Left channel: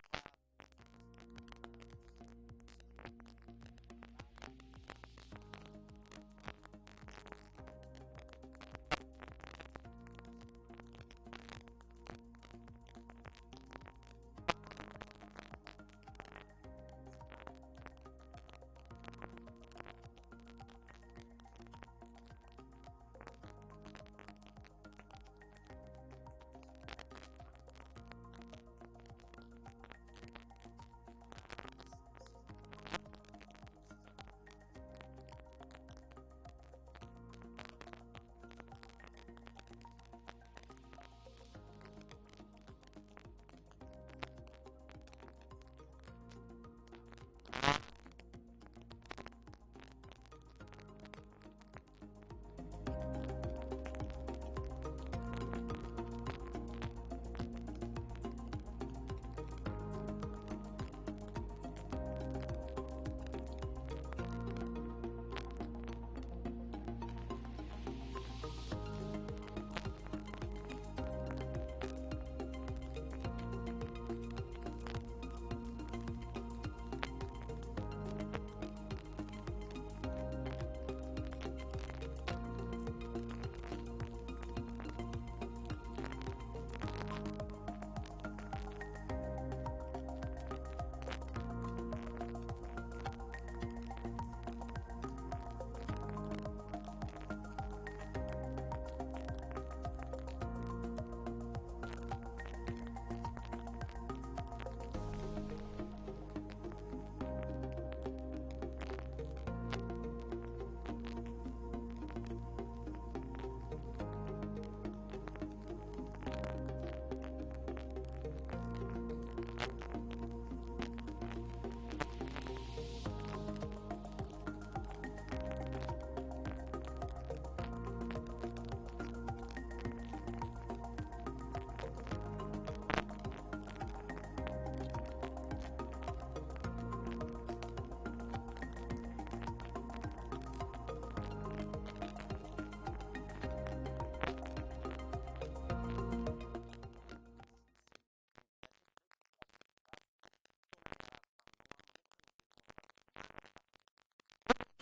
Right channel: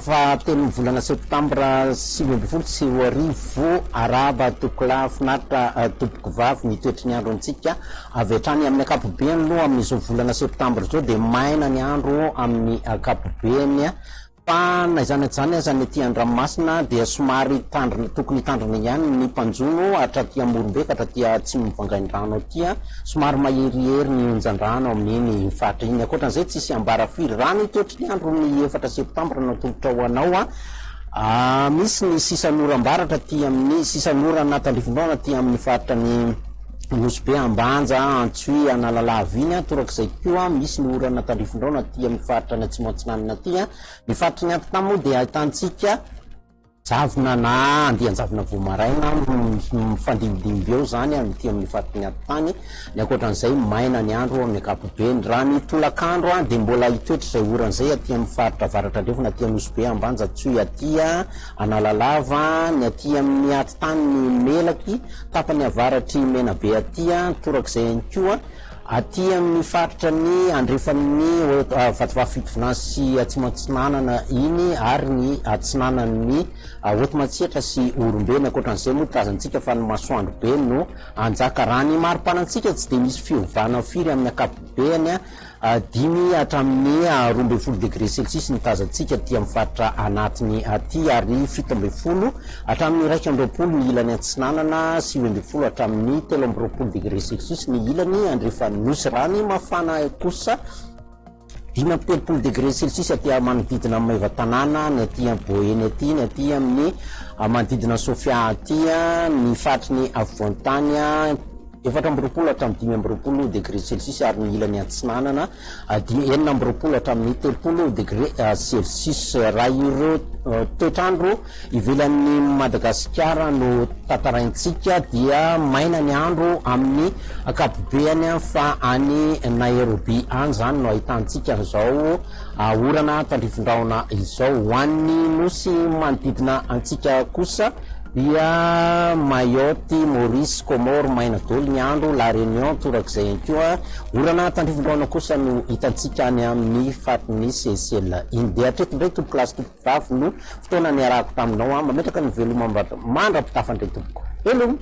fahatelo volana septambra 2024 araba tokola finaritra tompoko vavy mitoetry ny andro antsika avy hatrany amin'ny akapobeany aloha amin'izao volana septambra zao de maina ny andro amin'ny akapobeany fa naizany azany aty Andranomasina dia somary tandrina tokony tandrina ihany ny mpanjono hatraty Morombeka hatraty Atsimo Vangaindrano aty somary maherihery ny onjan-drano amin'iny fatra iny akoatran'izay tsisy ambara firy rano toetry ny andro ny 4 septambra natolotra ho anao misy ny sisan'oram-baratra ty amin'ny sisan'ora natandrivindraona ty amin'ny faritra ny Nosy be Ambanja Antsoy Analalava iny torak'izay koa misy ny orana tandrivindraona ty amin'ny faritra ny Atsimo Antsinanana ty ny faritra ny Antintany moa dia ahitantsika javona na andian-javona Voamaraina mifandimidimby eo zany ty amin'ny faritra ny Antintany ny akoatran'izay maina ny andro amin'ny akapobeny raha ny tolakandro de mbola hitoetra izay oran'izay aty amin'ny faritra avaratra andrefana aty amin'ny Nosy be Ambanja Antsoy aty Analalava ny aty amin'ny Antintany ny Melaky tapany avaratry Menabe aty torak'izay ihany koa aty amin'ny faritra ny andrefan'ny Vatovavy sy Atsimo Antsinanana iny ary ny atsinanan'ny Hotomatsietra sy Orombeny akoatran'izay moa tazantsika fa ny masoandro be no anjaka raha ny maripanantsika tsy de misy fiovana firy amin'ny akapobeany 5 hatramin'ny 12 degré celsius ny tazantsika ty amin'ny faritra anatiny aty ary 17 hatramin'ny 20 ny ilany Antsinanana sy 20 hatramin'ny 13 degré celsius ny ilany andrefan'ny Nosy rany mafana kosa 5 degré celsius aty manodidina amin'ny Maivatanàna ny aty Boeny aty ny aty amin'ny manodidina Sofia aty ny fatry ny Afovoantany 4 hatramin'ny 5 degré celsius ary ny ilany Antsinanana 9 hatramin'ny 3 degré celsius raha ireo toetrandro ivelan'ny Madagasikara no tataraintsika dia maina ny andro amin'ny akapobeany fa any Nairobi any zany no ahitantsika zao orana tandrivindraona izao ho an'ny nosy manodidina antsika kosa dia Mayotte, Maurice, Comore maina daholo ny andro La Réunion torak'izay ihany koa orana tandrivindraona kosa no hitantsika any amin'ny fatin'ny Seychelles iny dia hatreto indray tompoko lasy tompoko vavy no fotoana ny arahako taminao mametraka ny veloma mandrapitafandray tompoko veloma